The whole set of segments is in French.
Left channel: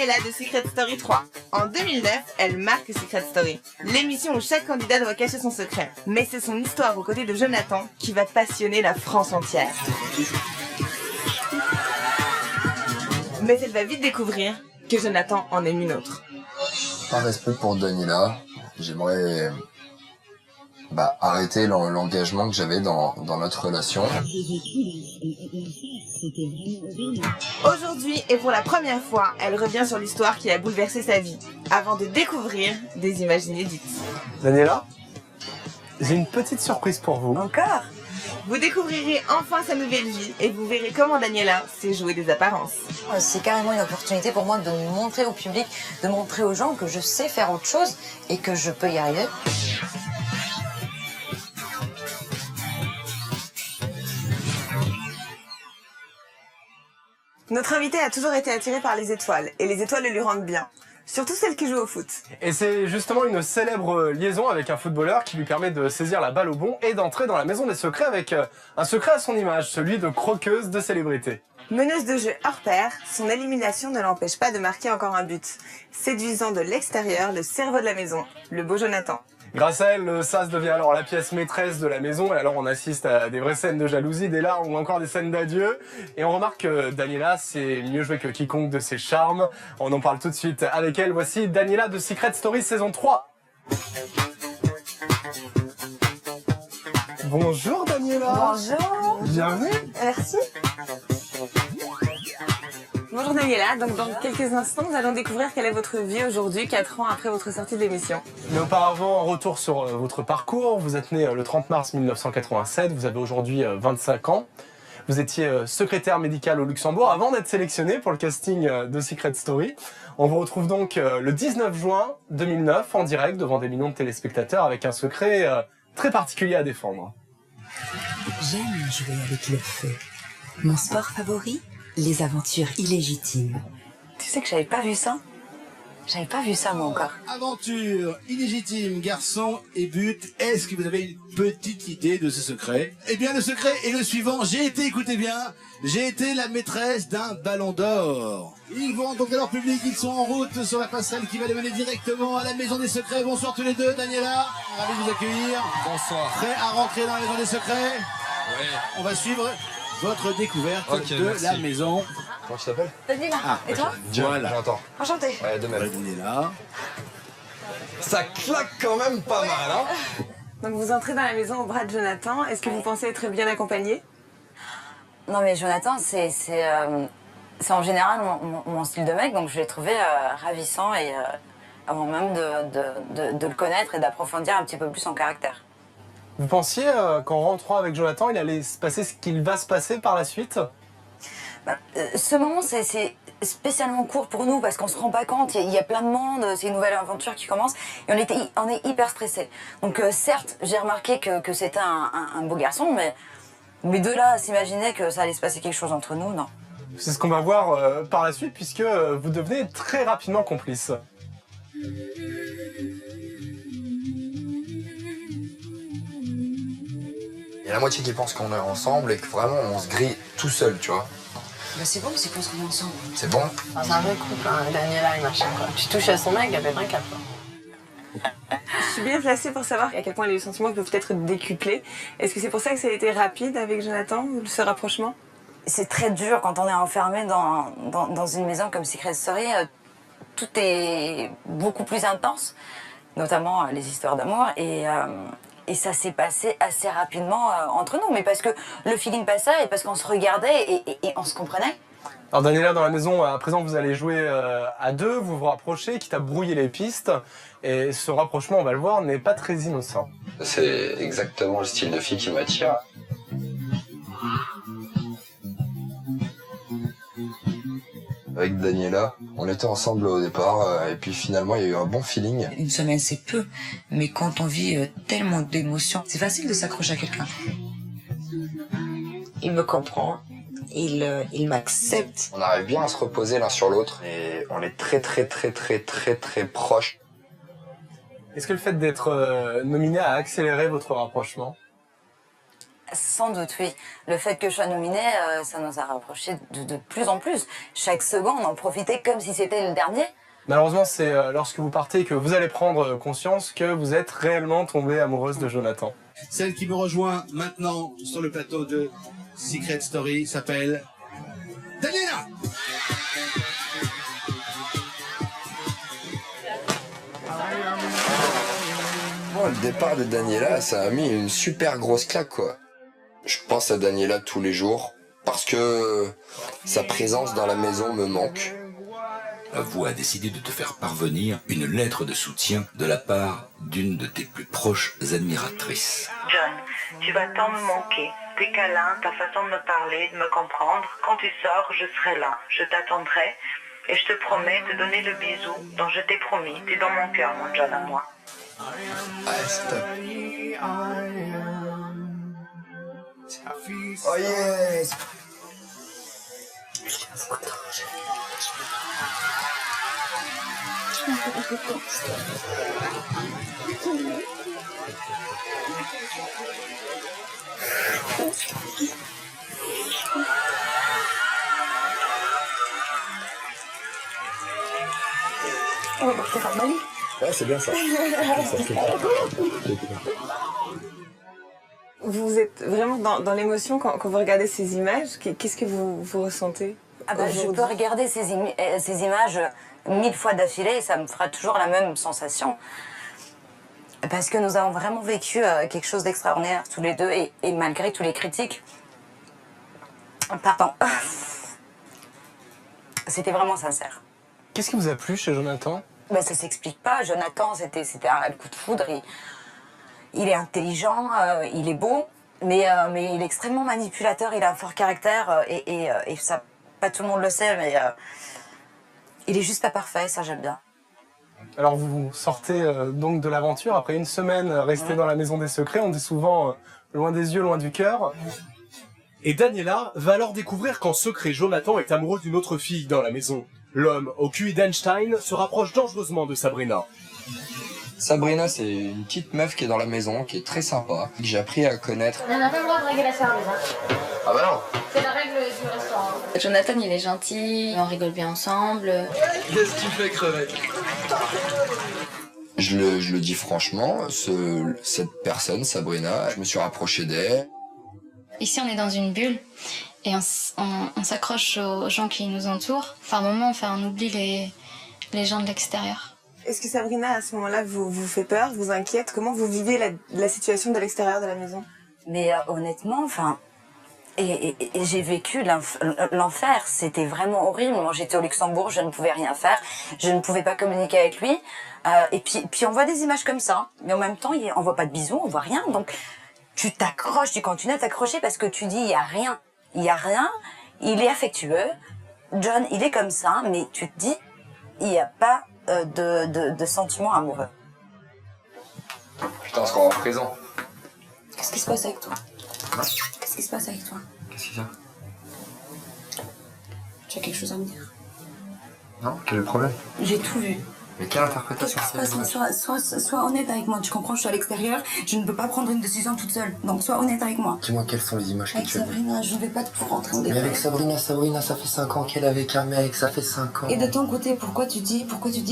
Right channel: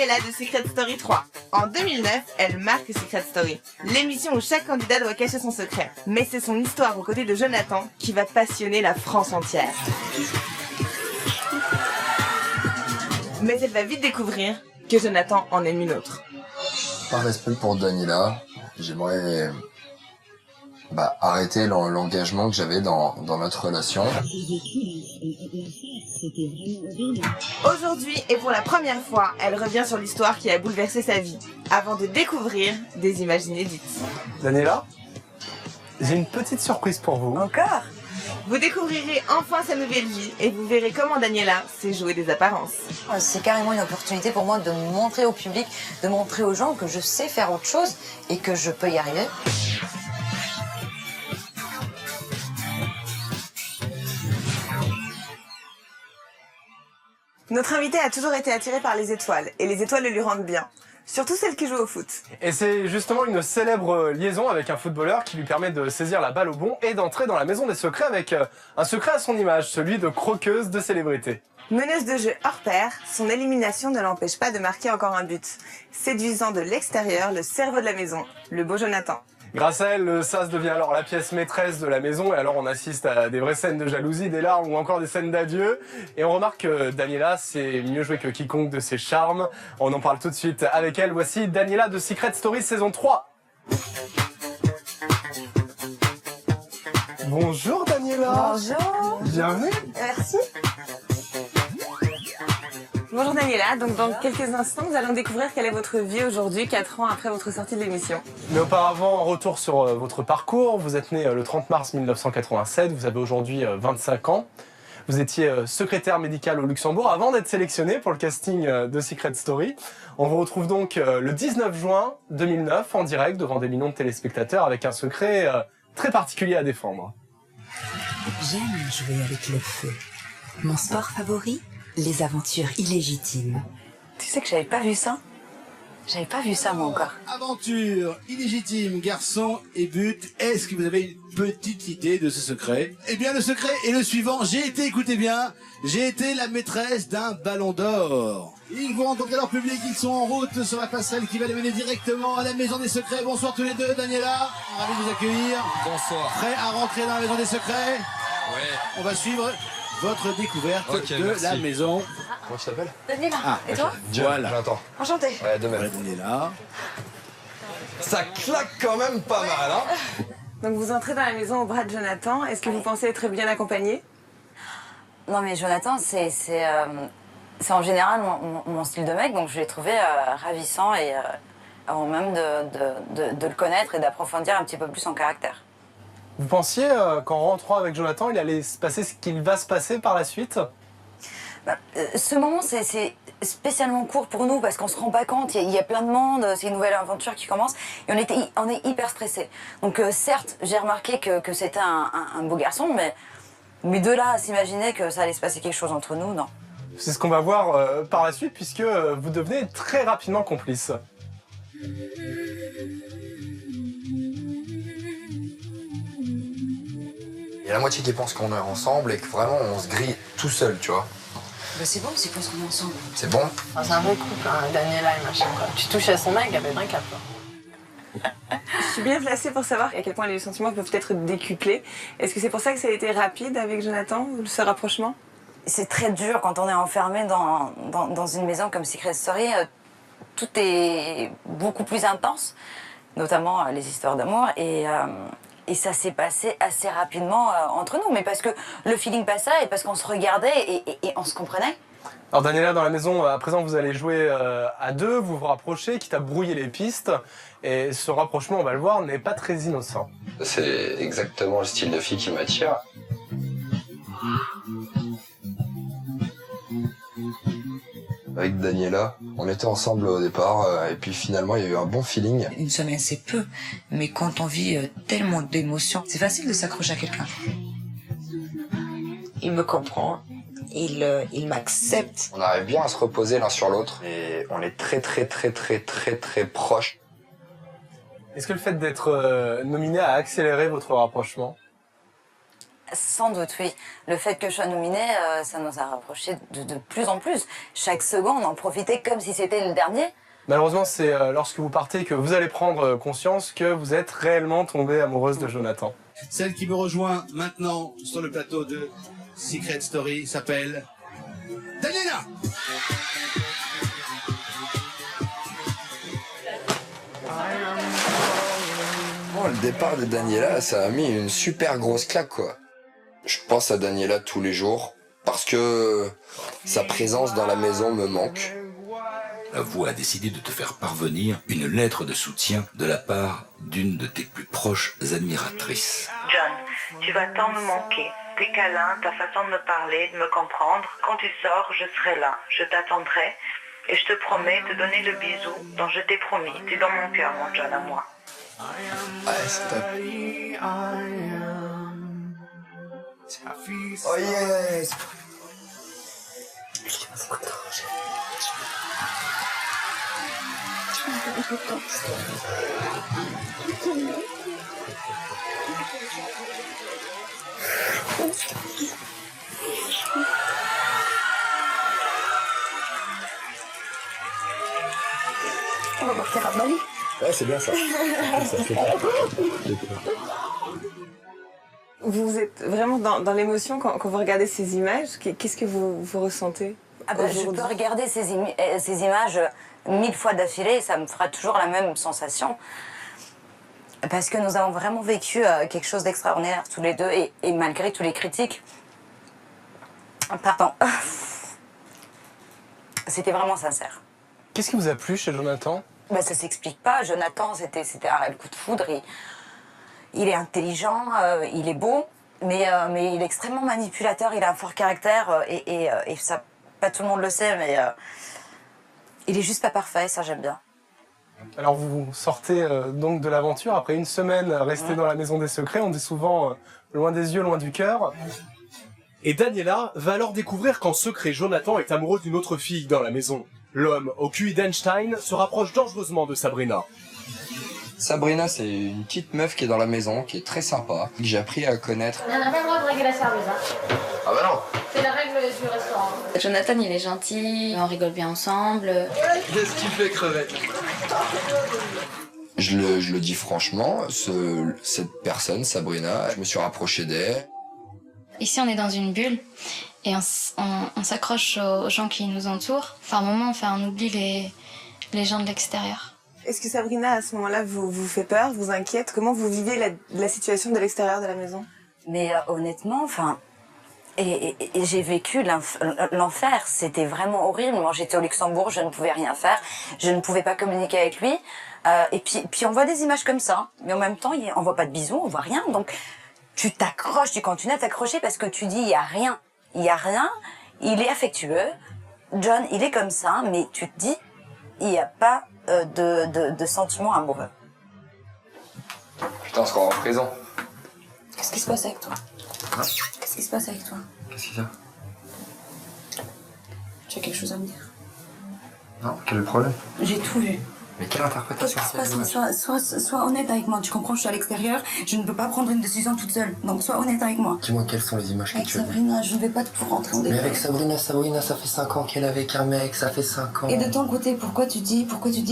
Daniela de Secret Story 3. En 2009, elle marque Secret Story, l'émission où chaque candidat doit cacher son secret. Mais c'est son histoire aux côtés de Jonathan qui va passionner la France entière. Mais elle va vite découvrir que Jonathan en aime une autre. Par respect pour Daniela, j'aimerais arrêter l'engagement que j'avais dans notre relation. Aujourd'hui, et pour la première fois, elle revient sur l'histoire qui a bouleversé sa vie, avant de découvrir des images inédites. Daniela, j'ai une petite surprise pour vous. Encore ? Vous découvrirez enfin sa nouvelle vie et vous verrez comment Daniela sait jouer des apparences. C'est carrément une opportunité pour moi de montrer au public, de montrer aux gens que je sais faire autre chose et que je peux y arriver. Notre invité a toujours été attiré par les étoiles, et les étoiles le lui rendent bien. Surtout celles qui jouent au foot. Et c'est justement une célèbre liaison avec un footballeur qui lui permet de saisir la balle au bon et d'entrer dans la maison des secrets avec un secret à son image, celui de croqueuse de célébrité. Meneuse de jeu hors pair, son élimination ne l'empêche pas de marquer encore un but, séduisant de l'extérieur le cerveau de la maison, le beau Jonathan. Grâce à elle, le sas devient alors la pièce maîtresse de la maison et alors on assiste à des vraies scènes de jalousie, des larmes ou encore des scènes d'adieu. Et on remarque que Daniela sait mieux jouer que quiconque de ses charmes. On en parle tout de suite avec elle. Voici Daniela de Secret Story saison 3. Bonjour Daniela. Bonjour. Bienvenue. Merci. Bonjour Daniela, donc dans quelques instants, nous allons découvrir quelle est votre vie aujourd'hui, 4 ans après votre sortie de l'émission. Mais auparavant, retour sur votre parcours. Vous êtes né le 30 mars 1987, vous avez aujourd'hui 25 ans. Vous étiez secrétaire médical au Luxembourg avant d'être sélectionné pour le casting de Secret Story. On vous retrouve donc le 19 juin 2009 en direct devant des millions de téléspectateurs avec un secret très particulier à défendre. J'aime jouer avec le feu. Mon sport favori, les aventures illégitimes. Tu sais que j'avais pas vu ça? J'avais pas vu ça moi encore. Aventure illégitime, garçon et but. Est-ce que vous avez une petite idée de ce secret? Eh bien, le secret est le suivant. Écoutez bien, j'ai été la maîtresse d'un ballon d'or. Ils vont rencontrer leur public, ils sont en route sur la passerelle qui va les mener directement à la maison des secrets. Bonsoir tous les deux, Daniela, ravi de vous accueillir. Bonsoir. Prêt à rentrer dans la maison des secrets? Ouais. On va suivre votre découverte de merci. la maison. Comment tu t'appelles? Daniela, et toi? Voilà. Jonathan. Enchantée. Ouais, de même. Voilà, Daniela. Ça claque quand même pas mal, hein? Donc vous entrez dans la maison au bras de Jonathan, est-ce que vous pensez être bien accompagné? Non mais Jonathan, c'est en général mon style de mec, donc je l'ai trouvé ravissant et avant même de le connaître et d'approfondir un petit peu plus son caractère. Vous pensiez qu'en rentrant avec Jonathan, il allait se passer ce qu'il va se passer par la suite? Ce moment, c'est spécialement court pour nous parce qu'on se rend pas compte, il y a plein de monde, c'est une nouvelle aventure qui commence et on est hyper stressés. Donc certes, j'ai remarqué que c'était un beau garçon, mais de là à s'imaginer que ça allait se passer quelque chose entre nous, non. C'est ce qu'on va voir par la suite puisque vous devenez très rapidement complices. Il y a la moitié qui pense qu'on est ensemble et que vraiment on se grille tout seul, tu vois. Bah c'est bon, c'est parce qu'on est ensemble. C'est bon? Enfin, c'est un vrai couple, hein, Daniela et machin, quoi. Tu touches à son mec, elle pète un cap, quoi. Je suis bien placée pour savoir à quel point les sentiments peuvent être décuplés. Est-ce que c'est pour ça que ça a été rapide avec Jonathan, ce rapprochement? C'est très dur quand on est enfermé dans une maison comme Secret Story. Tout est beaucoup plus intense, notamment les histoires d'amour. Et ça s'est passé assez rapidement entre nous, mais parce que le feeling passait et parce qu'on se regardait et on se comprenait. Alors Daniela, dans la maison, à présent, vous allez jouer à deux, vous vous rapprochez, quitte à brouiller les pistes. Et ce rapprochement, on va le voir, n'est pas très innocent. C'est exactement le style de fille qui m'attire. Avec Daniela, on était ensemble au départ et puis finalement il y a eu un bon feeling. Une semaine, c'est peu, mais quand on vit tellement d'émotions, c'est facile de s'accrocher à quelqu'un. Il me comprend, il m'accepte. On arrive bien à se reposer l'un sur l'autre et on est très proches. Est-ce que le fait d'être nominé a accéléré votre rapprochement? Sans doute, oui. Le fait que je sois nominée, ça nous a rapprochés de plus en plus. Chaque seconde, on en profitait comme si c'était le dernier. Malheureusement, c'est lorsque vous partez que vous allez prendre conscience que vous êtes réellement tombée amoureuse de Jonathan. Celle qui me rejoint maintenant sur le plateau de Secret Story s'appelle Daniela. Bon, le départ de Daniela, ça a mis une super grosse claque, quoi. Je pense à Daniela tous les jours parce que sa présence dans la maison me manque. La voix a décidé de te faire parvenir une lettre de soutien de la part d'une de tes plus proches admiratrices. John, tu vas tant me manquer. Tes câlins, ta façon de me parler, de me comprendre. Quand tu sors, je serai là. Je t'attendrai. Et je te promets de donner le bisou dont je t'ai promis. T'es dans mon cœur, mon John, à moi. Ouais, c'est top. Oh yes! On va partir à Bali. Ouais, c'est bien ça. Vous êtes vraiment dans l'émotion quand vous regardez ces images. Qu'est-ce que vous ressentez Je peux regarder ces images 1000 fois d'affilée et ça me fera toujours la même sensation. Parce que nous avons vraiment vécu quelque chose d'extraordinaire tous les deux et malgré tous les critiques, pardon, c'était vraiment sincère. Qu'est-ce qui vous a plu chez Jonathan? Ça s'explique pas. Jonathan, c'était un réel coup de foudre. Il est intelligent, il est beau, mais il est extrêmement manipulateur. Il a un fort caractère et ça, pas tout le monde le sait, mais il est juste pas parfait. Ça, j'aime bien. Alors vous sortez donc de l'aventure après une semaine restée dans la maison des secrets. On dit souvent loin des yeux, loin du cœur. Et Daniela va alors découvrir qu'en secret, Jonathan est amoureux d'une autre fille dans la maison. L'homme au QI d'Einstein se rapproche dangereusement de Sabrina. Sabrina, c'est une petite meuf qui est dans la maison, qui est très sympa, que j'ai appris à connaître. On n'a pas le droit de draguer la serveuse, hein. Ah bah non! C'est la règle du restaurant. Jonathan, il est gentil, on rigole bien ensemble. Qu'est-ce que tu fais, crevette? Je le dis franchement, cette personne, Sabrina, je me suis rapproché d'elle. Ici, on est dans une bulle et on s'accroche aux gens qui nous entourent. Par moments, on oublie les gens de l'extérieur. Est-ce que Sabrina, à ce moment-là, vous fait peur, vous inquiète? Comment vous vivez la situation de l'extérieur de la maison? Mais honnêtement, et j'ai vécu l'enfer. C'était vraiment horrible. Moi, j'étais au Luxembourg, je ne pouvais rien faire. Je ne pouvais pas communiquer avec lui. Et puis on voit des images comme ça. Mais en même temps, on voit pas de bisous, on voit rien. Donc, tu t'accroches, tu continues à t'accrocher parce que tu dis, il y a rien. Il y a rien. Il est affectueux. John, il est comme ça. Mais tu te dis, il n'y a pas de sentiments amoureux. Putain, on se croit en prison. Qu'est-ce qui se passe avec toi? Hein? Qu'est-ce qui se passe avec toi? Qu'est-ce qu'il y a? Tu as quelque chose à me dire? Non, quel est le problème? J'ai tout vu. Mais quelle interprétation? Qu'est-ce qui se passe? Sois honnête avec moi, tu comprends, je suis à l'extérieur, je ne peux pas prendre une décision toute seule, donc sois honnête avec moi. Dis-moi quelles sont les images que tu as vues. Avec Sabrina, je ne vais pas tout rentrer en détail. Mais avec Sabrina, ça fait 5 ans qu'elle est avec un mec, ça fait 5 ans. Et de ton côté, pourquoi tu dis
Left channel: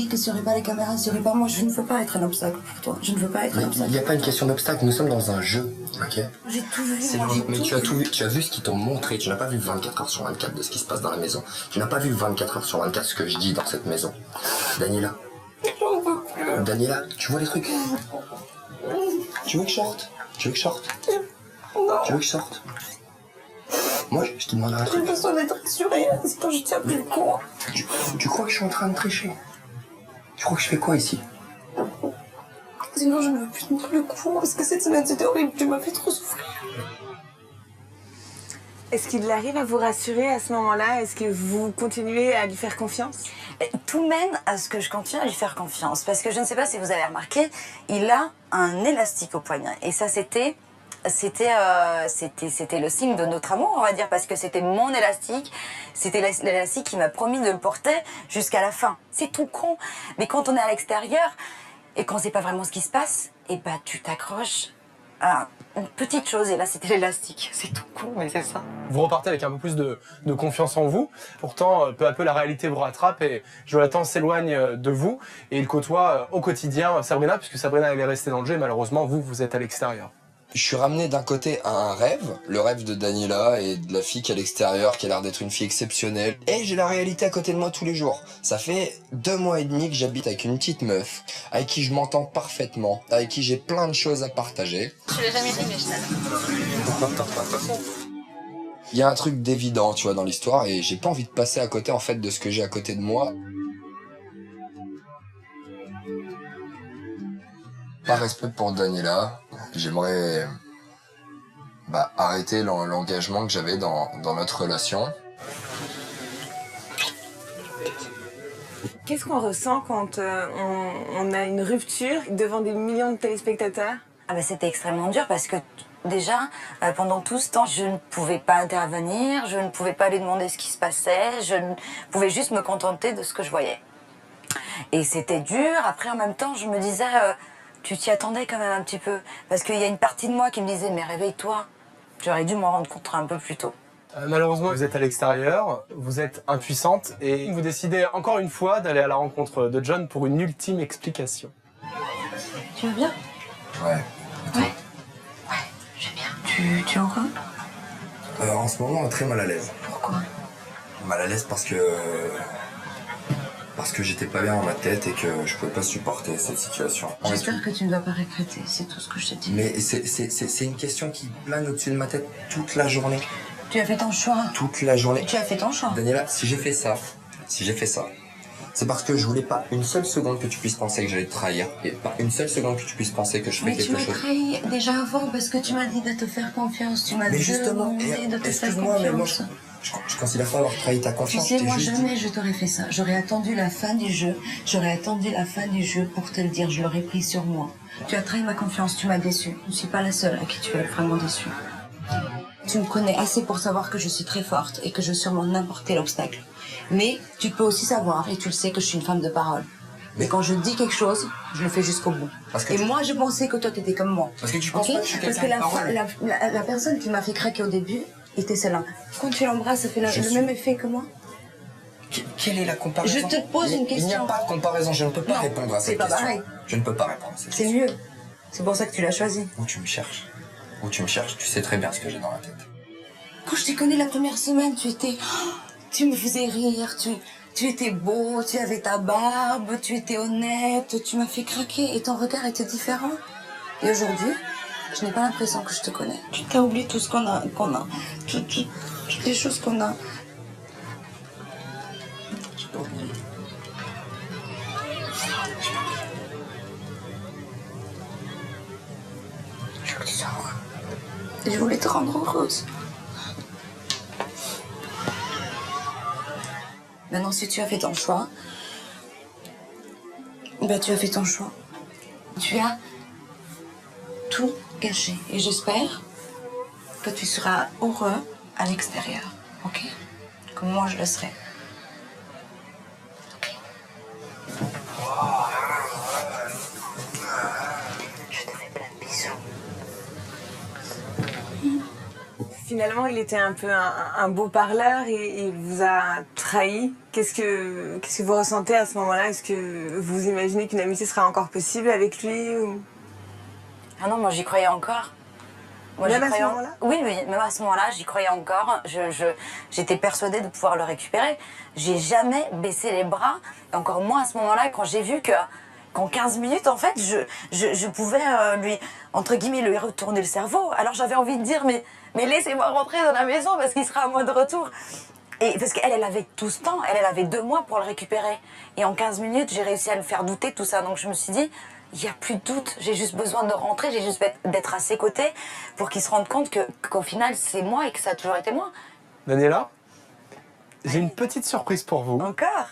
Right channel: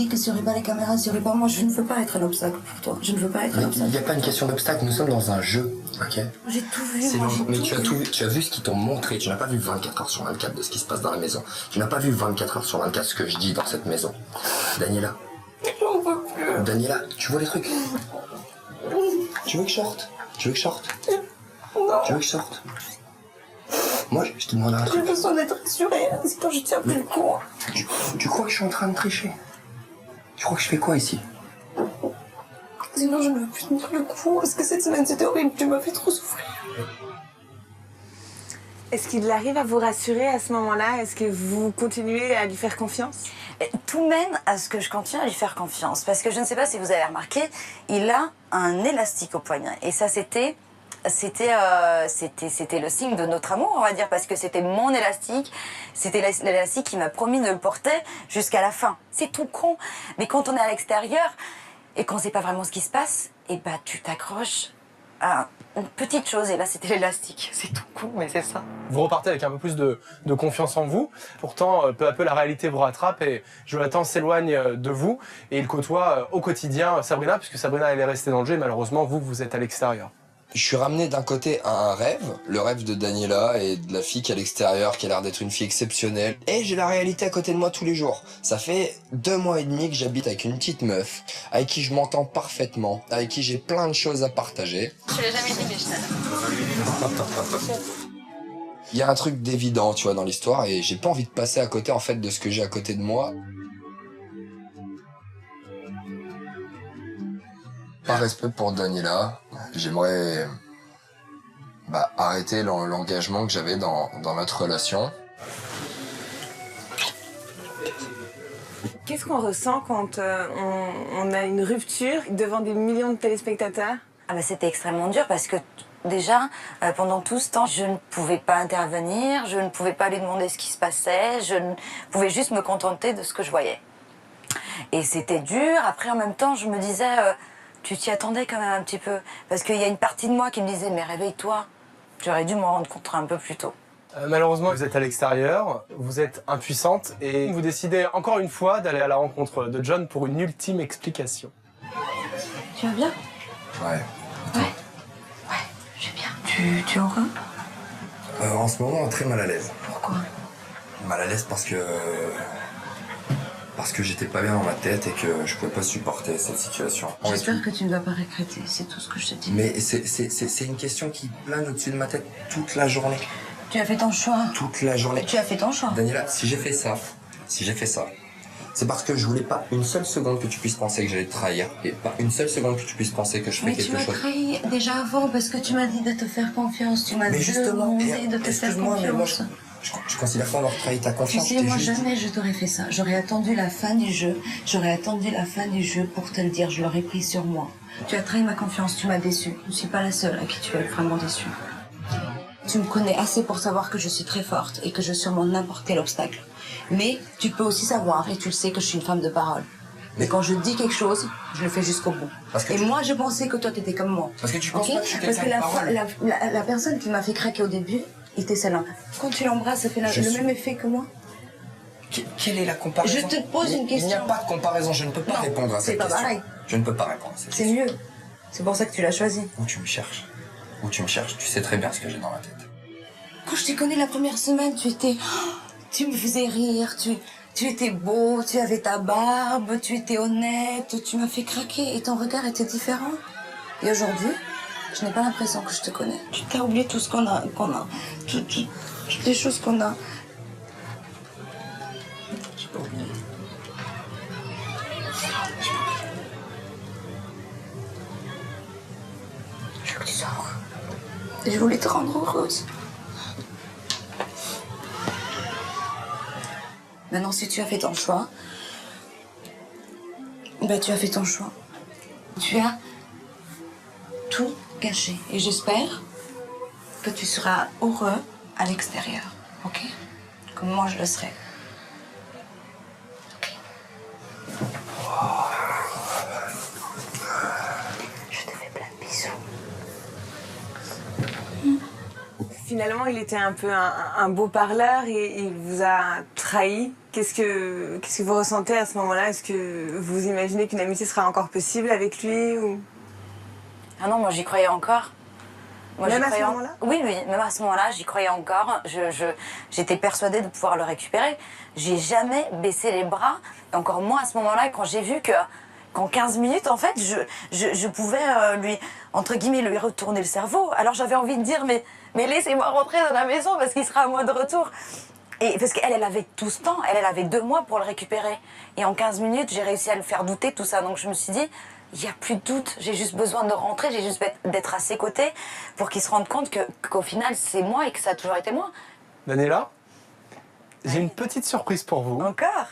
que s'il n'y aurait pas les caméras, s'il n'y aurait pas moi, je ne veux pas être un obstacle pour toi, je ne veux pas être un obstacle. Il n'y a pas une question d'obstacle, nous sommes dans un jeu, ok? J'ai tout vu, Mais tu as tout vu, tu as vu ce qu'ils t'ont montré, tu n'as pas vu 24 heures sur 24 de ce qui se passe dans la maison. Tu n'as pas vu 24 heures sur 24 ce que je dis dans cette maison. Daniela. J'en veux plus. Daniela, tu vois les trucs? Tu veux que je sorte? Non. Tu veux que je sorte? Moi, je te demande un truc. J'ai besoin d'être assurée, sinon je tiens plus le coup. Tu crois que je suis en train de tricher? Tu crois que je fais quoi ici? Sinon je ne veux plus tenir le coup, parce que cette semaine c'était horrible, tu m'as fait trop souffrir. Est-ce qu'il arrive à vous rassurer à ce moment-là? Est-ce que vous continuez à lui faire confiance? Tout mène à ce que je continue à lui faire confiance. Parce que je ne sais pas si vous avez remarqué, il a un élastique au poignet. Et ça, c'était le signe de notre amour, on va dire, parce que c'était mon élastique. C'était l'élastique qui m'a promis de le porter jusqu'à la fin. C'est tout con. Mais quand on est à l'extérieur et qu'on ne sait pas vraiment ce qui se passe, tu t'accroches à une petite chose, et là, c'était l'élastique. C'est tout con, mais c'est ça. Vous repartez avec un peu plus de confiance en vous. Pourtant, peu à peu, la réalité vous rattrape et Jonathan s'éloigne de vous et il côtoie au quotidien Sabrina, puisque Sabrina, elle est restée dans le jeu et malheureusement, vous êtes à l'extérieur. Je suis ramené d'un côté à un rêve, le rêve de Daniela et de la fille qui est à l'extérieur, qui a l'air d'être une fille exceptionnelle. Et j'ai la réalité à côté de moi tous les jours. Ça fait 2 mois et demi que j'habite avec une petite meuf, avec qui je m'entends parfaitement, avec qui j'ai plein de choses à partager. Je l'ai jamais dit, mais je t'adore. Il y a un truc d'évident, tu vois, dans l'histoire et j'ai pas envie de passer à côté, en fait, de ce que j'ai à côté de moi. Par respect pour Daniela, j'aimerais arrêter l'engagement que j'avais dans notre relation. Qu'est-ce qu'on ressent quand on a une rupture devant des millions de téléspectateurs? C'était extrêmement dur parce que déjà, pendant tout ce temps, je ne pouvais pas intervenir, je ne pouvais pas lui demander ce qui se passait, je ne pouvais juste me contenter de ce que je voyais. Et c'était dur. Après, en même temps, je me disais... tu t'y attendais quand même un petit peu. Parce qu'il y a une partie de moi qui me disait « Mais réveille-toi, tu aurais dû m'en rendre compte un peu plus tôt. » Malheureusement, vous êtes à l'extérieur, vous êtes impuissante et vous décidez encore une fois d'aller à la rencontre de John pour une ultime explication. Tu vas bien? Ouais. Ouais, je vais bien. Tu es heureux? En ce moment, très mal à l'aise. Pourquoi? Mal à l'aise parce que j'étais pas bien dans ma tête et que je pouvais pas supporter cette situation. J'espère que tu ne vas pas regretter, c'est tout ce que je te dis. Mais c'est une question qui plane au-dessus de ma tête toute la journée. Tu as fait ton choix. Toute la journée. Tu as fait ton choix. Daniela, si j'ai fait ça, c'est parce que je voulais pas une seule seconde que tu puisses penser que j'allais te trahir et pas une seule seconde que tu puisses penser que je fais quelque chose. Mais tu m'as trahi déjà avant parce que tu m'as dit de te faire confiance. Tu m'as demandé de te faire confiance. Mais moi, je considère pas avoir trahi ta confiance. Tu sais, moi, jamais je t'aurais fait ça. J'aurais attendu la fin du jeu. Pour te le dire. Je l'aurais pris sur moi. Tu as trahi ma confiance, tu m'as déçue. Je ne suis pas la seule à qui tu es vraiment déçue. Tu me connais assez pour savoir que je suis très forte et que je surmonte n'importe quel obstacle. Mais tu peux aussi savoir, et tu le sais, que je suis une femme de parole. Mais quand je dis quelque chose, je le fais jusqu'au bout. Moi, je pensais que toi, t'étais comme moi. Parce que tu penses pas que je suis quelqu'un de parole. La personne qui m'a fait craquer au début était celle-là. Quand tu l'embrasses, ça fait le même effet que moi. Quelle est la comparaison? Je te pose une question. Il n'y a pas de comparaison, je ne peux pas répondre à cette question. C'est pas pareil. Je ne peux pas répondre à cette question. C'est mieux. C'est pour ça que tu l'as choisi. Où tu me cherches? Tu sais très bien ce que j'ai dans la tête. Quand je t'ai connu la première semaine, tu me faisais rire, tu étais beau, tu avais ta barbe, tu étais honnête, tu m'as fait craquer et ton regard était différent. Et aujourd'hui, je n'ai pas l'impression que je te connais. Tu t'as oublié tout ce qu'on a, toutes les choses qu'on a. J'ai pas oublié. Je veux que tu sois heureux. Et je voulais te rendre heureuse. Maintenant, si tu as fait ton choix, tu as fait ton choix. Tu as tout gâché. Et j'espère que tu seras heureux à l'extérieur, ok? Comme moi, je le serai. Ok? Je te fais plein de bisous. Finalement, il était un peu un beau parleur et il vous a trahi. Qu'est-ce que vous ressentez à ce moment-là? Est-ce que vous imaginez qu'une amitié sera encore possible avec lui ou... Ah non, moi j'y croyais encore. Même à ce moment-là? Oui, même à ce moment-là, j'y croyais encore. J'étais persuadée de pouvoir le récupérer. J'ai jamais baissé les bras. Et encore moins à ce moment-là, quand j'ai vu qu'en 15 minutes, en fait, je pouvais lui, entre guillemets, lui retourner le cerveau. Alors j'avais envie de dire, mais laissez-moi rentrer dans la maison parce qu'il sera à moi de retour. Et parce qu'elle, elle avait tout ce temps. Elle avait 2 mois pour le récupérer. Et en 15 minutes, j'ai réussi à le faire douter, tout ça. Donc je me suis dit, il n'y a plus de doute. J'ai juste besoin de rentrer, j'ai juste d'être à ses côtés pour qu'il se rende compte qu'au final, c'est moi et que ça a toujours été moi. Daniela, j'ai une petite surprise pour vous. Encore?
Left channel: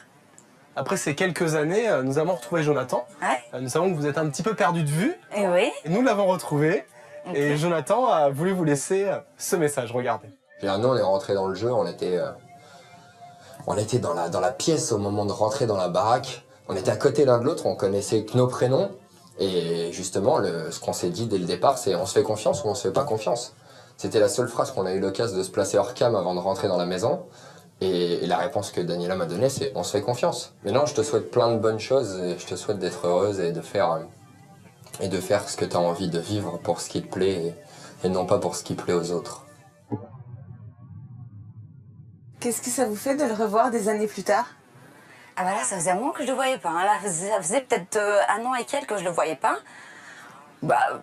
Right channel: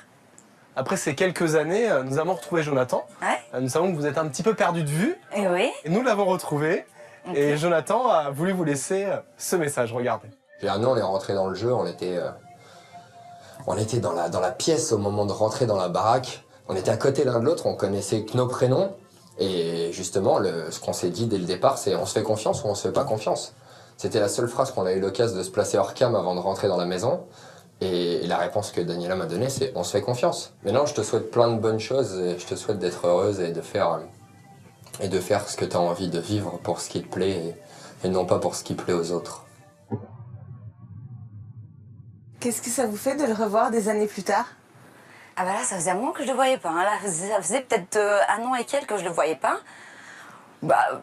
Après ces quelques années, nous avons retrouvé Jonathan. Ouais. Nous savons que vous êtes un petit peu perdu de vue. Et oui. Et nous l'avons retrouvé. Okay. Et Jonathan a voulu vous laisser ce message. Regardez. Nous, on est rentré dans le jeu. On était dans la pièce au moment de rentrer dans la baraque. On était à côté l'un de l'autre. On connaissait que nos prénoms. Et justement, ce qu'on s'est dit dès le départ, c'est on se fait confiance ou on se fait pas confiance. C'était la seule phrase qu'on a eu l'occasion de se placer hors cam avant de rentrer dans la maison. Et la réponse que Daniela m'a donnée, c'est on se fait confiance. Maintenant, je te souhaite plein de bonnes choses et je te souhaite d'être heureuse et de faire ce que tu as envie de vivre pour ce qui te plaît et non pas pour ce qui plaît aux autres. Qu'est-ce que ça vous fait de le revoir des années plus tard? Ah bah là, ça faisait un moment que je le voyais pas. Hein. Là, ça faisait peut-être 1 an et quelques que je le voyais pas. Bah,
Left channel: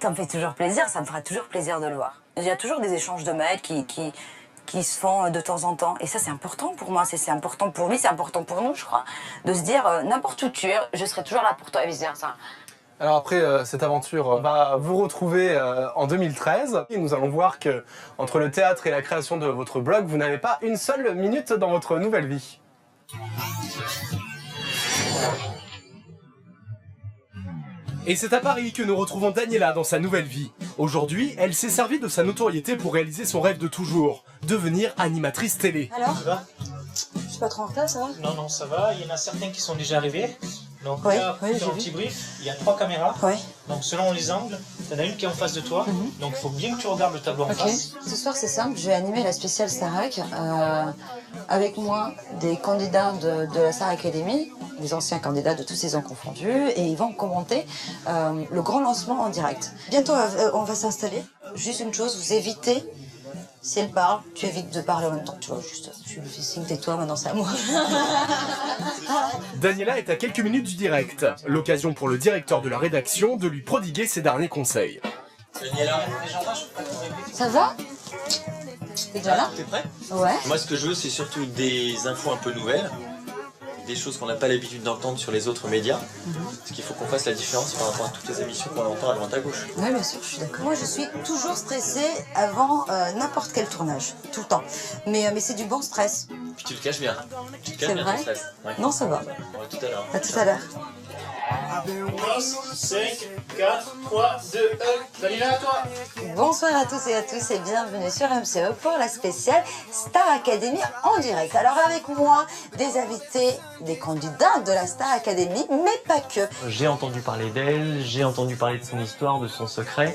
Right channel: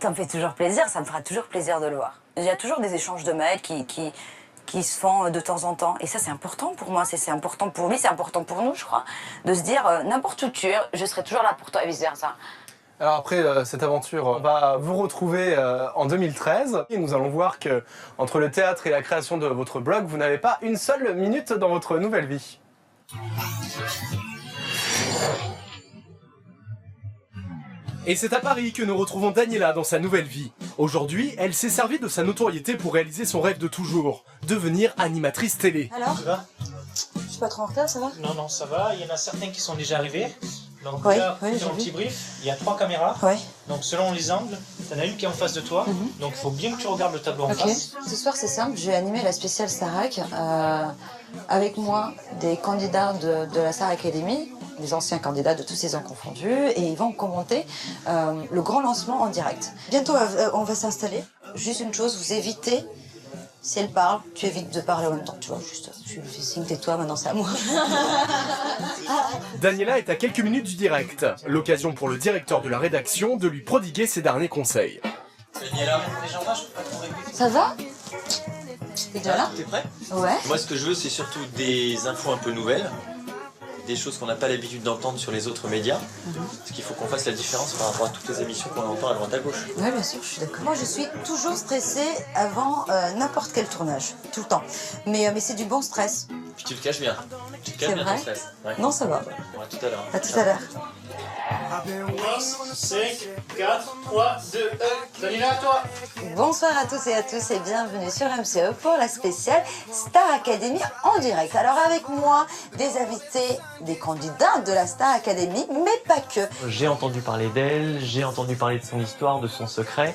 ça me fait toujours plaisir, ça me fera toujours plaisir de le voir. Il y a toujours des échanges de mails qui se font de temps en temps. Et ça, c'est important pour moi, c'est important pour lui, c'est important pour nous, je crois. De se dire, n'importe où tu es, je serai toujours là pour toi et vice-versa. Alors après cette aventure, on va vous retrouver en 2013. Et nous allons voir que entre le théâtre et la création de votre blog, vous n'avez pas une seule minute dans votre nouvelle vie. Et c'est à Paris que nous retrouvons Daniela dans sa nouvelle vie. Aujourd'hui, elle s'est servie de sa notoriété pour réaliser son rêve de toujours, devenir animatrice télé. Alors, ça va? Je suis pas trop en retard, ça va? Non, ça va. Il y en a certains qui sont déjà arrivés. Donc oui, là, pour oui, faire un petit brief, il y a 3 caméras. Oui. Donc selon les angles, tu en as une qui est en face de toi. Donc il faut bien que tu regardes le tableau en face. Ce soir, c'est simple. Je vais animer la spéciale Starac. Avec moi, des candidats de la Star Academy, des anciens candidats de tous ces ans confondus, et ils vont commenter le grand lancement en direct. Bientôt, on va s'installer. Juste une chose, vous évitez, si elle parle, tu évites de parler en même temps. Tu vois, juste, je lui fais signe, tais-toi, maintenant c'est à moi. Daniela est à quelques minutes du direct. L'occasion pour le directeur de la rédaction de lui prodiguer ses derniers conseils. Daniela, les gens là, je peux pas te régler. Ça va? T'es déjà là? T'es prêt? Ouais. Moi, ce que je veux, c'est surtout des infos un peu nouvelles, des choses qu'on n'a pas l'habitude d'entendre sur les autres médias, parce qu'il faut qu'on fasse la différence par rapport à toutes les émissions qu'on entend à droite à gauche. Oui, bien sûr, je suis d'accord. Moi, je suis toujours stressée avant n'importe quel tournage, tout le temps. Mais c'est du bon stress. Puis tu le caches bien. Tu le caches C'est bien vrai? ton stress. Ouais. Non, ça va. Bon, à tout à l'heure. À tout à l'heure. On commence. 5, 4, 3, 2, 1. Daniela, à toi. Bonsoir à tous et bienvenue sur MCE pour la spéciale Star Academy en direct. Alors avec moi, des invités, des candidats de la Star Academy, mais pas que. J'ai entendu parler d'elle, j'ai entendu parler de son histoire, de son secret,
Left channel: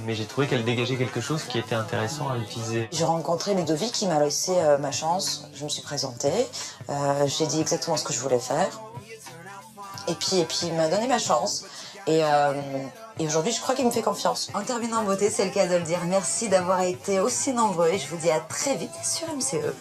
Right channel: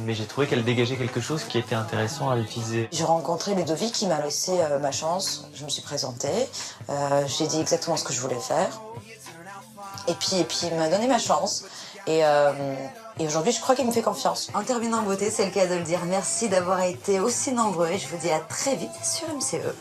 mais j'ai trouvé qu'elle dégageait quelque chose qui était intéressant à utiliser. J'ai rencontré Ludovic qui m'a laissé ma chance. Je me suis présentée, j'ai dit exactement ce que je voulais faire. Et puis il m'a donné ma chance. Et aujourd'hui, je crois qu'il me fait confiance. En terminant en beauté, c'est le cas de le dire. Merci d'avoir été aussi nombreux et je vous dis à très vite sur MCE.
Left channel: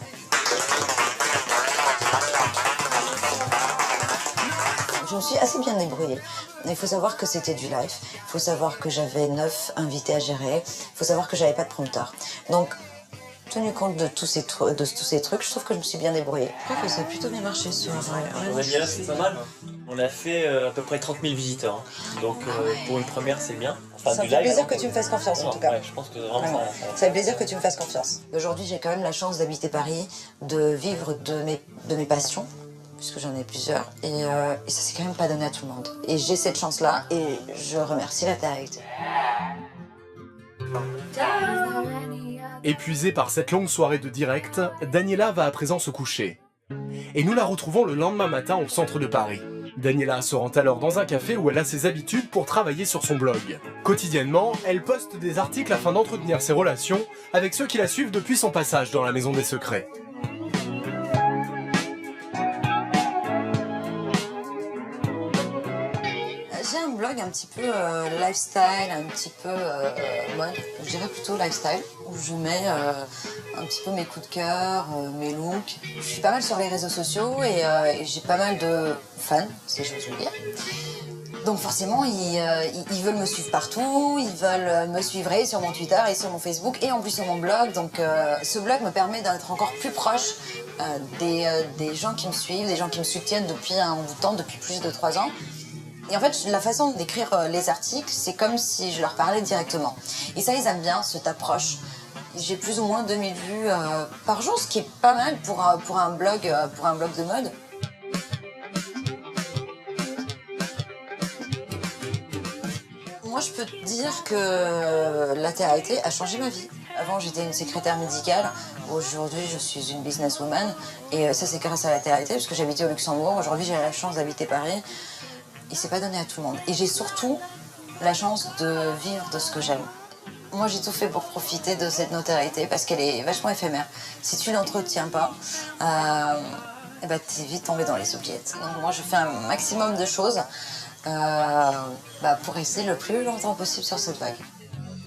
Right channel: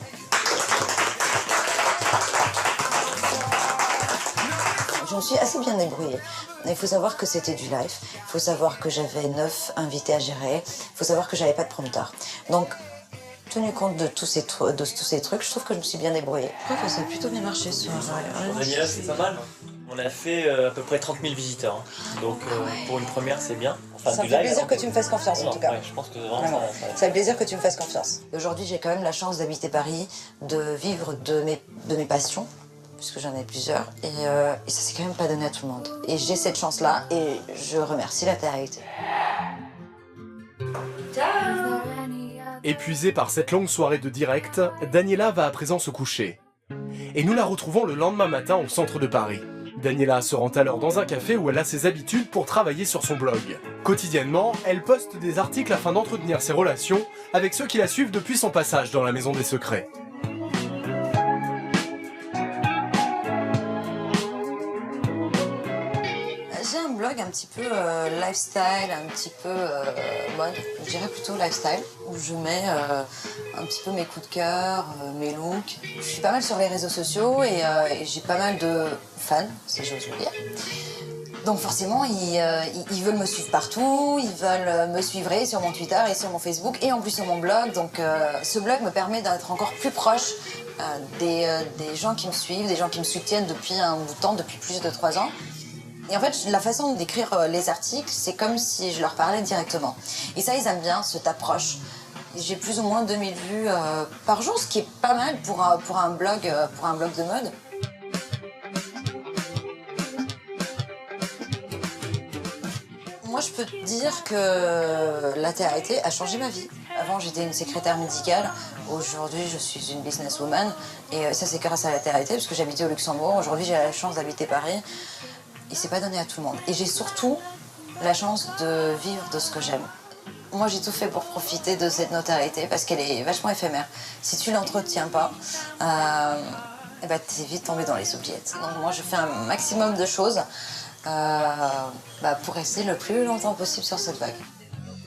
Je me suis assez bien débrouillée. Il faut savoir que c'était du live. Il faut savoir que j'avais 9 invités à gérer. Il faut savoir que j'avais pas de prompteur. Donc, tenu compte de tous ces trucs, je trouve que je me suis bien débrouillée. Je crois que ça a plutôt bien marché ce soir. Pour Daniela, c'est pas mal. On a fait à peu près 30 000 visiteurs. Hein. Donc pour une première, c'est bien. Enfin, ça me fait plaisir que tu me fasses confiance, en tout cas. Ouais, je pense que vraiment, ça fait plaisir que tu me fasses confiance. Aujourd'hui, j'ai quand même la chance d'habiter Paris, de vivre de mes passions, puisque j'en ai plusieurs. Et ça, c'est quand même pas donné à tout le monde. Et j'ai cette chance-là, et je remercie la télé-réalité. Épuisée par cette longue soirée de direct, Daniela va à présent se coucher. Et nous la retrouvons le lendemain matin au centre de Paris. Daniela se rend alors dans un café où elle a ses habitudes pour travailler sur son blog. Quotidiennement, elle poste des articles afin d'entretenir ses relations avec ceux qui la suivent depuis son passage dans la Maison des Secrets. J'ai un blog un petit peu lifestyle, un petit peu mode, je dirais plutôt lifestyle, où je mets un petit peu mes coups de cœur, mes looks. Je suis pas mal sur les réseaux sociaux et j'ai pas mal de fans, si j'ose le dire. Donc forcément, ils veulent me suivre partout, ils veulent me suivre sur mon Twitter et sur mon Facebook et en plus sur mon blog. Donc ce blog me permet d'être encore plus proche des gens qui me suivent, des gens qui me soutiennent depuis un bout de temps, depuis plus de 3 ans. Et en fait, la façon d'écrire les articles, c'est comme si je leur parlais directement. Et ça, ils aiment bien, cette approche. J'ai plus ou moins 2000 vues par jour, ce qui est pas mal pour un blog de mode. Moi, je peux te dire que la télé-réalité a changé ma vie. Avant, j'étais une secrétaire médicale. Aujourd'hui, je suis une businesswoman. Et ça, c'est grâce à la télé-réalité, parce que j'habitais au Luxembourg. Aujourd'hui, j'ai la chance d'habiter Paris. et c'est pas donné à tout le monde. Et j'ai surtout la chance de vivre de ce que j'aime. Moi, j'ai tout fait pour profiter de cette notoriété parce qu'elle est vachement éphémère. Si tu l'entretiens pas, t'es vite tombé dans les oubliettes. Donc moi, je fais un maximum de choses pour rester le plus longtemps possible sur cette vague.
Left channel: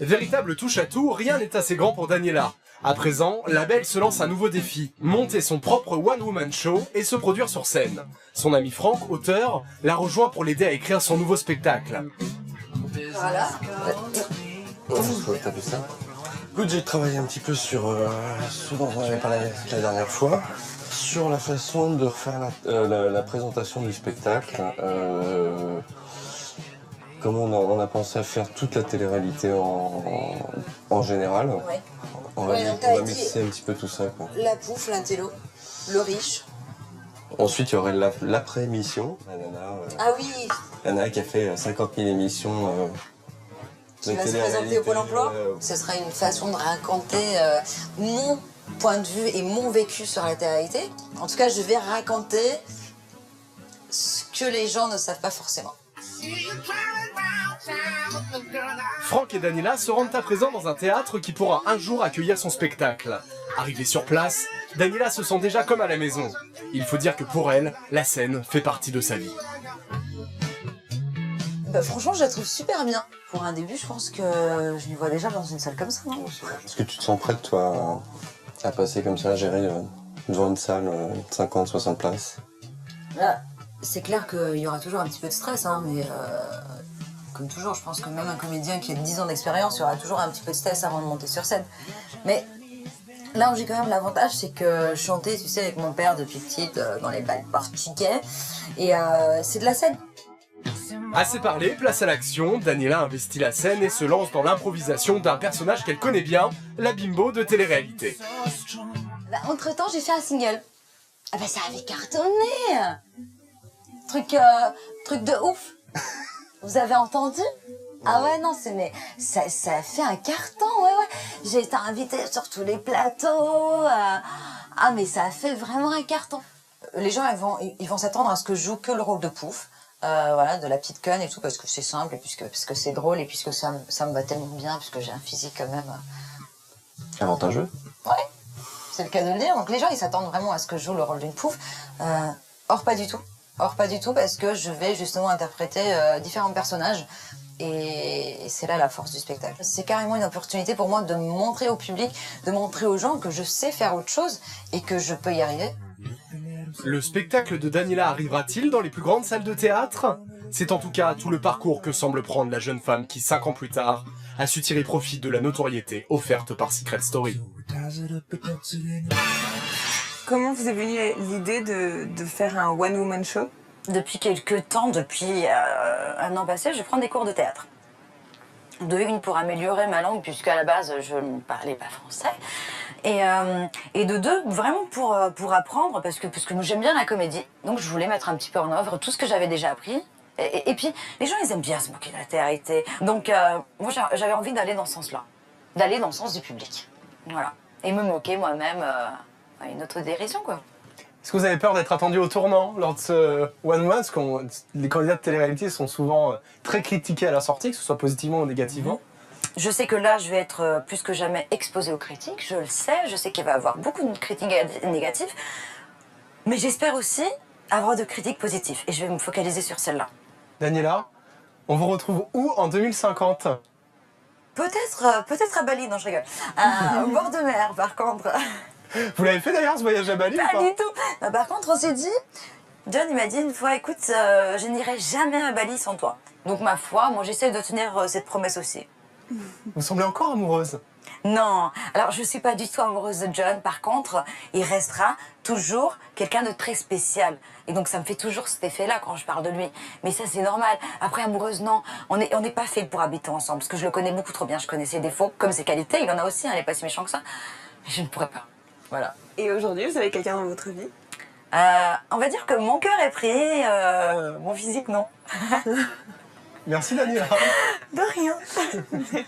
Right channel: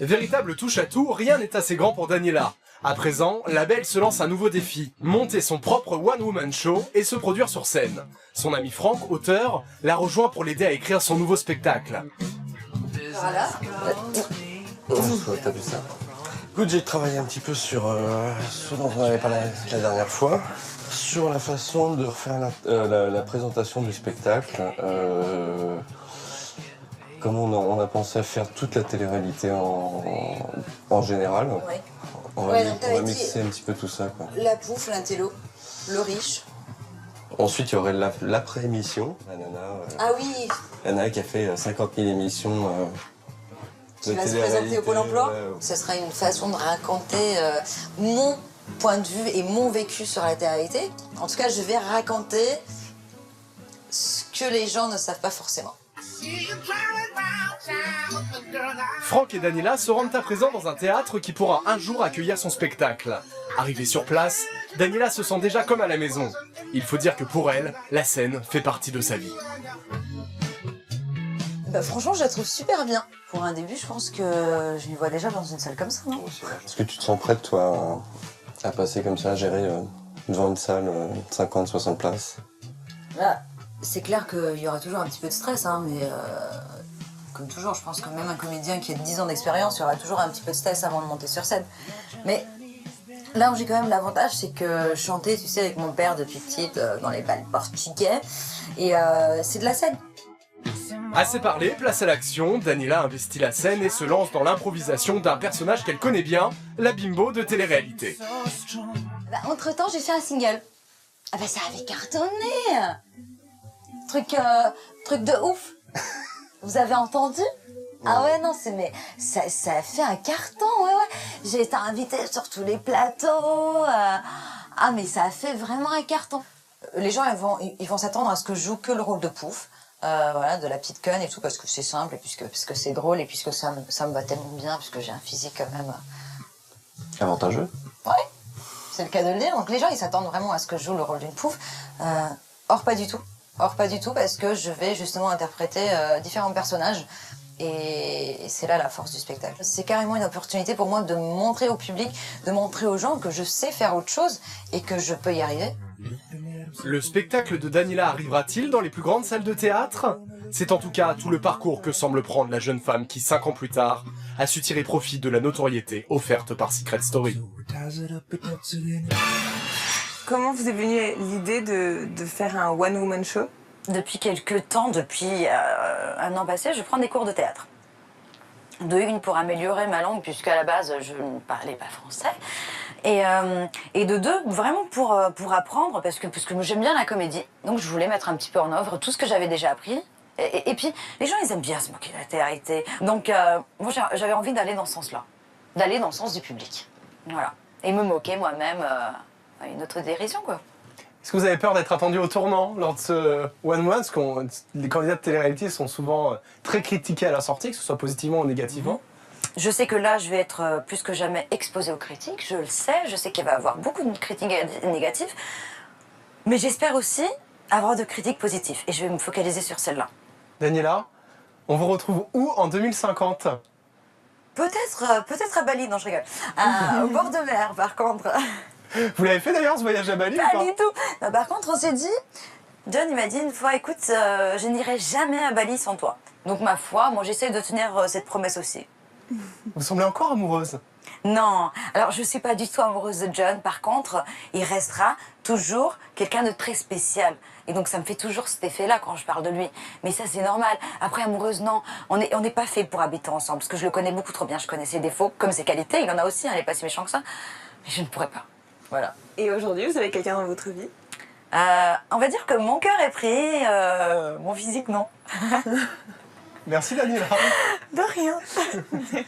Véritable touche-à-tout, rien n'est assez grand pour Daniela. À présent, la belle se lance un nouveau défi, monter son propre one-woman show et se produire sur scène. Son ami Franck, auteur, la rejoint pour l'aider à écrire son nouveau spectacle. Voilà. T'as vu ça? Écoute, j'ai travaillé un petit peu sur ce dont on avait parlé la dernière fois, sur la façon de refaire la présentation du spectacle. Comment on a pensé à faire toute la télé-réalité en général. Ouais. On va mixer un petit peu tout ça, quoi. La pouffe, l'intello, le riche. Ensuite, il y aurait l'après-émission. La nana, Ah oui, la nana qui a fait 50 000 émissions qui de va se télé-réalité. présenter au Pôle emploi. Ouais. Ce sera une façon de raconter mon point de vue et mon vécu sur la télé-réalité. En tout cas, je vais raconter ce que les gens ne savent pas forcément. Franck et Daniela se rendent à présent dans un théâtre qui pourra un jour accueillir son spectacle. Arrivée sur place, Daniela se sent déjà comme à la maison. Il faut dire que pour elle, la scène fait partie de sa vie. Franchement, je la trouve super bien. Pour un début, je pense que je m'y vois déjà dans une salle comme ça, non? Est-ce que tu te sens prête, toi, à passer comme ça, à gérer devant une salle 50, 60 places? Là, c'est clair qu'il y aura toujours un petit peu de stress, hein, mais comme toujours, je pense que même un comédien qui a 10 ans d'expérience, il y aura toujours un petit peu de stress avant de monter sur scène. Mais là où j'ai quand même l'avantage, c'est que je chantais, tu sais, avec mon père depuis petite dans les bals portugais, et c'est de la scène. Assez parlé, place à l'action, Daniela investit la scène et se lance dans l'improvisation d'un personnage qu'elle connaît bien, la bimbo de télé-réalité. Entre-temps, j'ai fait un single. Ça avait cartonné. Truc de ouf. Vous avez entendu? Ah ouais, non, ça a fait un carton, ouais. J'ai été invitée sur tous les plateaux. Mais ça a fait vraiment un carton. Les gens, ils vont s'attendre à ce que je joue que le rôle de pouf. De la petite conne et tout, parce que c'est simple, et puisque c'est drôle, et puisque ça me va tellement bien, puisque j'ai un physique quand même... Avantageux. Ouais, c'est le cas de le dire. Donc les gens, ils s'attendent vraiment à ce que je joue le rôle d'une pouf. Or, pas du tout. Parce que je vais justement interpréter différents personnages, et c'est là la force du spectacle. C'est carrément une opportunité pour moi de montrer au public, de montrer aux gens que je sais faire autre chose, et que je peux y arriver. Le spectacle de Daniela arrivera-t-il dans les plus grandes salles de théâtre? C'est en tout cas tout le parcours que semble prendre la jeune femme qui, 5 ans plus tard, a su tirer profit de la notoriété offerte par Secret Story. Comment vous est venue l'idée de faire un one-woman show? Depuis quelques temps, depuis un an passé, je prends des cours de théâtre. De une, pour améliorer ma langue, puisqu'à la base, je ne parlais pas français. Et de deux, vraiment pour apprendre, parce que j'aime bien la comédie. Donc je voulais mettre un petit peu en œuvre tout ce que j'avais déjà appris. Et puis, les gens, ils aiment bien se moquer de la télé-réalité. Donc, moi, j'avais envie d'aller dans ce sens-là. D'aller dans le sens du public. Voilà. Et me moquer moi-même à une autodérision, quoi. Est-ce que vous avez peur d'être attendu au tournant lors de ce one-woman? Parce que les candidats de télé-réalité sont souvent très critiqués à la sortie, que ce soit positivement ou négativement. Je sais que là, je vais être plus que jamais exposée aux critiques. Je le sais. Je sais qu'il va y avoir beaucoup de critiques négatives. Mais j'espère aussi avoir de critiques positives. Et je vais me focaliser sur celle-là. Daniela, on vous retrouve où en 2050? Peut-être à Bali. Non, je rigole. Au bord de mer, par contre. Vous l'avez fait d'ailleurs, ce voyage à Bali? Pas du tout. Non, par contre, on s'est dit... John, il m'a dit une fois, écoute, je n'irai jamais à Bali sans toi. Donc, ma foi, moi, j'essaye de tenir cette promesse aussi. Vous semblez encore amoureuse? Non. Alors, je ne suis pas du tout amoureuse de John. Par contre, il restera toujours quelqu'un de très spécial. Et donc, ça me fait toujours cet effet-là quand je parle de lui. Mais ça, c'est normal. Après, amoureuse, non. On n'est pas fait pour habiter ensemble. Parce que je le connais beaucoup trop bien. Je connais ses défauts, comme ses qualités. Il en a aussi, hein, il n'est pas si méchant que ça. Mais je ne pourrais pas. Voilà. Et aujourd'hui, vous avez quelqu'un dans votre vie? On va dire que mon cœur est pris, mon physique, non. Merci, Daniela. De rien. Merci.